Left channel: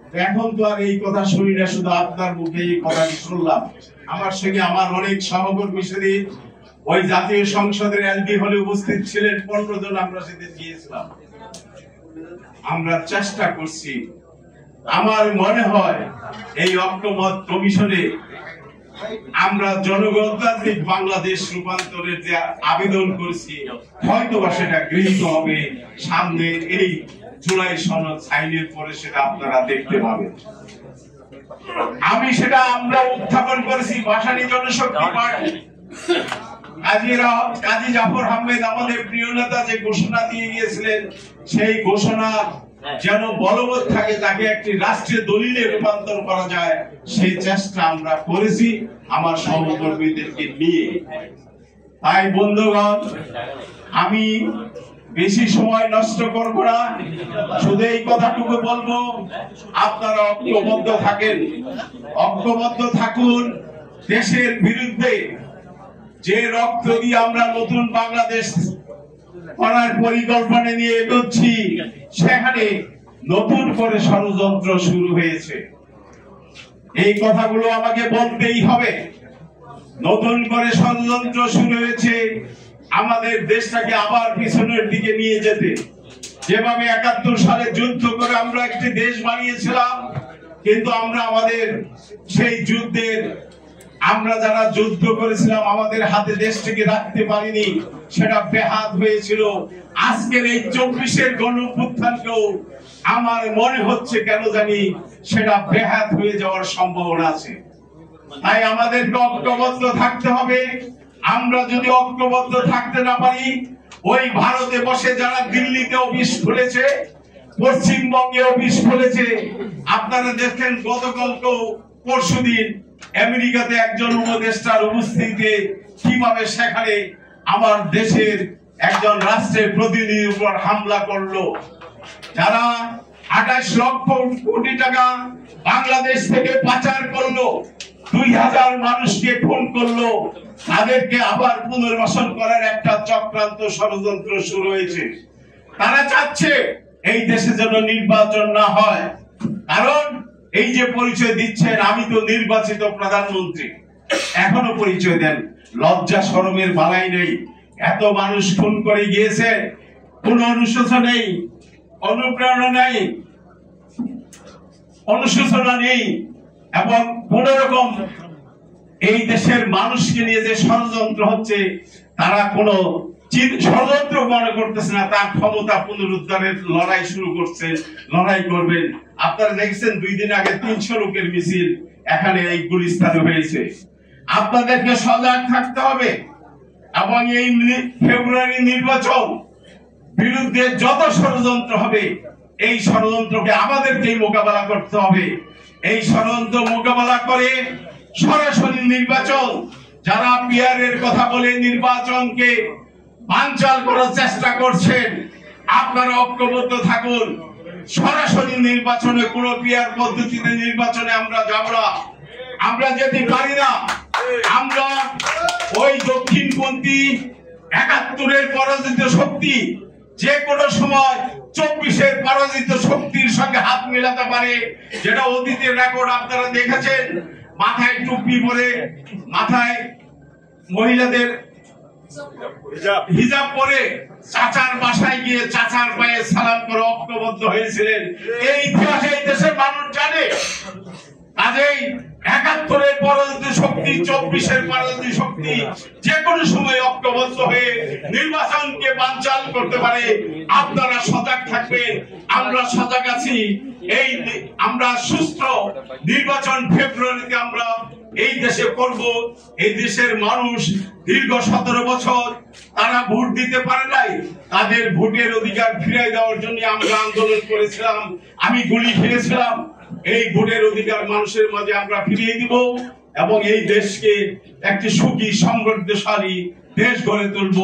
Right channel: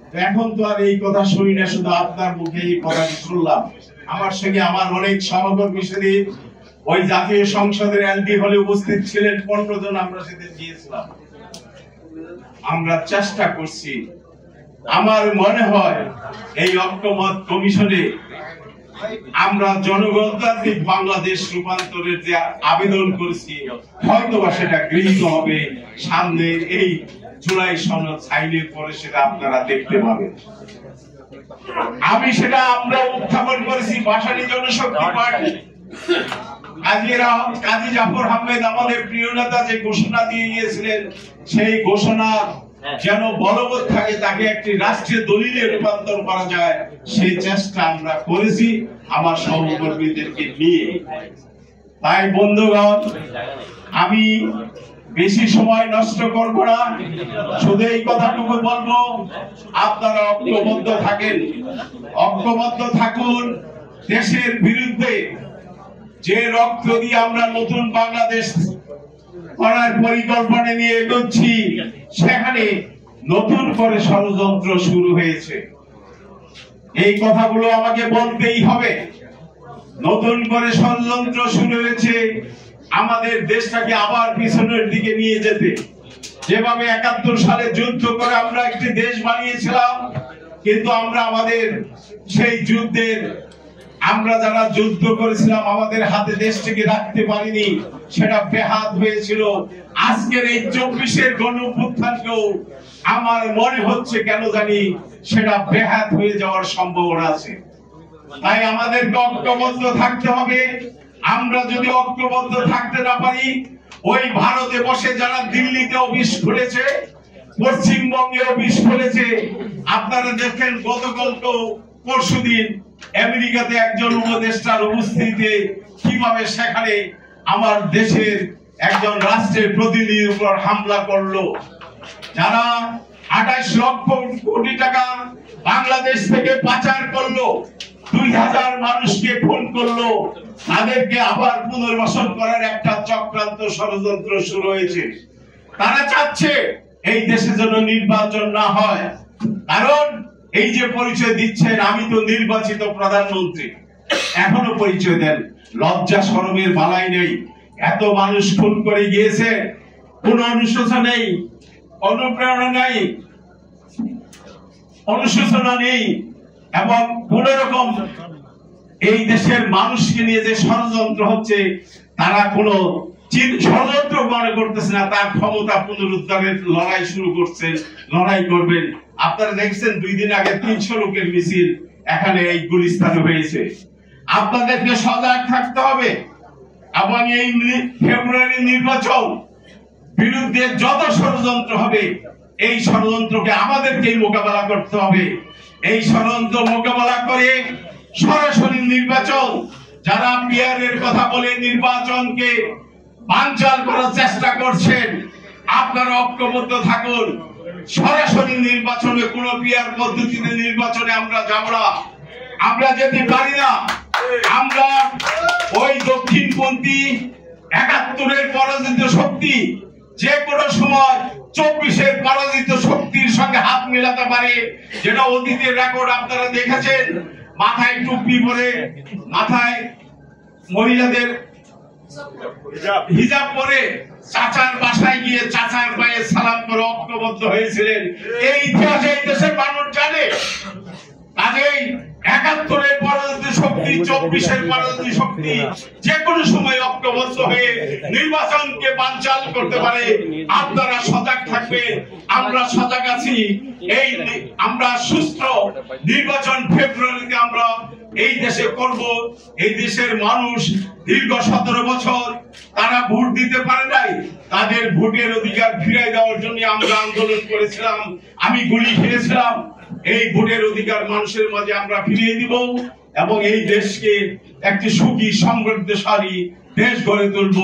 এখন তো আর এই কথা শুনি না, শুধু আপনার মুখে এই কথা শুনলাম। আমার সঙ্গে আমার অনেক সহকর্মী সেদিন ওই জাতীয় সংসদের এমপি হলে উপস্থিত ছিলেন, 15 জন আমরা সেদিন গিয়েছিলাম। আমরা চেষ্টা করছি, আমার মনে হয় এই ঐক্যমত কমিশনে আমরা জনগণতান্ত্রিক বাংলাদেশ রূপান্তরের যে আবেদন করেছি হয়তোবা সেটা গৃহীত হবে। সামনে এই জুলাই সনদ সাইনের পরে সেটা আপনারা দেখতে পাবেন। আমরা উত্থাপন করেছি ভাসানী জনশক্তি পার্টি। কাজী জাফর আহমেদ আমাদের প্রিয় নেতা যে ঘোষণা দিয়ে গিয়েছিলেন, সেই ঘোষণা যেন বলবৎ থাকে, তাকে একটি রাষ্ট্রীয় দলিলে রূপান্তর করা যায়, সেই চেষ্টা আমরা করেছি আমার সহকর্মীদেরকে নিয়ে। তাই বন্ধুগণ, আমি বেশি সময় নষ্ট করব না, শুধু এই কথাটুকু বলবো, আপনারা ঐক্যবদ্ধ থাকেন, ঐক্যবদ্ধ থাকুন। দেশের বিরুদ্ধে যে রক্ত দিয়ে আমরা নতুন বাংলাদেশ করার পরিকল্পনা নিয়ে এগোচ্ছি, সেখানে নতুন করে ষড়যন্ত্র শুরু হয়েছে। এই কথাগুলো আমাকে বলতেই হবে। নতুন করে ষড়যন্ত্র শুরু হয়েছে আমাদের দেশটাকে আবার পিছনের দিকে নিয়ে যেতে। যেভাবে 71 সালে যুদ্ধ করে আমরা একটি দেশ বানিয়েছিলাম, কিন্তু আমরা আমাদের সেই যুদ্ধের আমরা যারা যুদ্ধ করেছিলাম আমাদের হাতে দেশটিকে রাখতে পারিনি, সেটা বেহাত হয়েছিল। আজকের এই 24-এর গণঅভ্যুত্থানকেও আমার মনে হচ্ছে কেন জানি সেটা বেহাত হয়ে যাওয়ার সম্ভাবনা আছে। তাই আমাদেরকে ঐক্যবদ্ধ থাকতে হবে। আমরা যদি ঐক্যবদ্ধ থাকতে না পারি, ওই ভারতে বসে যারা দিল্লিতে অফিস খুলেছে, পশ্চিমবঙ্গে অফিস খুলেছে, আপনারা দেখেন গতকালকে পরশুদিন আমেরিকাতে একজন উপদেষ্টার উপস্থিতিতে কিভাবে সেখানে আমার দেশের একজন রাষ্ট্রের প্রতিনিধির উপর হামলা করলো। যারা 28 লক্ষ কোটি টাকা বাংলাদেশ থেকে পাচার করলো, 2000 মানুষকে খুন করলো, তাদেরকে আবার পুনর্বাসন করার একটা চক্রান্ত ষড়যন্ত্র শুরু হয়েছে। তারা চাচ্ছে এই দেশে যেন নির্বাচন না হয়, কারণ এই যে পরিচয় দিচ্ছেন আমি তো নির্বাচিত প্রধানমন্ত্রী, এখনো পরিচয় দেন, লজ্জা শরমের বালাই নেই। এত মানুষ খুন করে গিয়েছে, কোন অনুশোচনা নেই, অনুপ্রেরণা নেই, অনুশোচনা নেই, এবং কোন রকম এই দেশের মানুষকে নিয়ে যে ষড়যন্ত্র হচ্ছে, তারা কোন ষড়যন্ত্র মনে করতেছে না। তার ক্ষমতা পুনরুদ্ধারের লড়াই শুরু করছেন, লড়াই করবেন। আপনারা দেখছেন 2 দিন আগে 300 লোকের মিছিল এখানে এই গুলিস্তানে হয়েছে। আপনাদেরকে সজাগ থাকতে হবে, এবং এই ফেব্রুয়ারি নির্বাচন বিরুদ্ধে যত ষড়যন্ত্র হবে, এই ষড়যন্ত্রকে আমাদেরকেই মোকাবেলা করতে হবে। এই ষড়যন্ত্র মোকাবেলা করে সরাসরি নির্বাচন, যারা পিয়ারের কথা বলে নির্বাচনকে বানচাল করার চেষ্টা করছেন, আপনারা ঐক্যবদ্ধ থাকুন। সরাসরি নির্বাচনে কোন পিয়ার পদ্ধতিতে নির্বাচনে আমরা যাব না, আমরা যেতে পারি না। আমরা ওই দক্ষিণপন্থী 71-এর পরাজিত শক্তি যে কোনো সময় 24-এর পরাজিত শক্তির সঙ্গে হাত মেলাতে পারে, যেটা অতীতের রেকর্ড আপনারা দেখেছেন। মাথায় টুপি পরে, মাথায় মহিলাদের হিজাব পরে চাচার বাসায় গিয়ে চাচার পায়ে সালাম করে ঐক্যবদ্ধ হয়েছিলেন। এই ইতিহাসে এই দেশের মানুষ জানে। কাজেই 71-এর পরাজিত শক্তি, 24-এর পরাজিত শক্তি যে কোনো সময় ঐক্যবদ্ধ হয়ে নির্বাচনকে বানচাল করতে পারে। আপনারা সজাগ থাকবেন, আমরা সজাগ আছি। আমরা সুষ্ঠু নির্বাচন ফেব্রুয়ারিতে আমরা এই দেশে করব। এই দেশের মানুষ দীর্ঘ 17 বছর তারা ভোট দিতে পারে নাই, তাদের ভোটের অধিকার ফিরিয়ে দেওয়ার জন্য আমরা আন্দোলন করেছিলাম, আমি গুলি খেয়েছিলাম। এই ভোটের অধিকার মানুষের মাঝে আমরা ফিরিয়ে দিব, এবং এই দেশকে একটি সুখী সমৃদ্ধশালী দেশ গড়ে তুলব।